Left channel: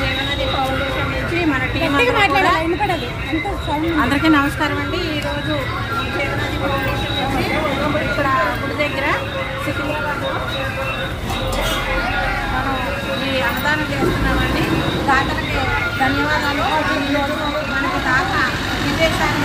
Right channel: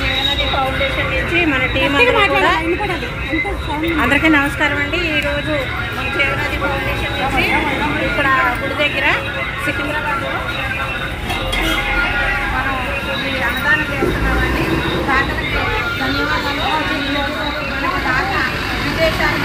జీవనది foundation నుంచి మన team అందరికీ నమస్కారం అండి. ఈరోజు మన జీవనది ఫౌండేషన్ నుంచి ఇక్కడ గుడి దగ్గర సికింద్రాబాద్లో మనం ఈ అన్నదానం చేస్తున్నామండి. దాతలకి ధన్యవాదాలు. ఈరోజు మనకి దాత విజయశాలి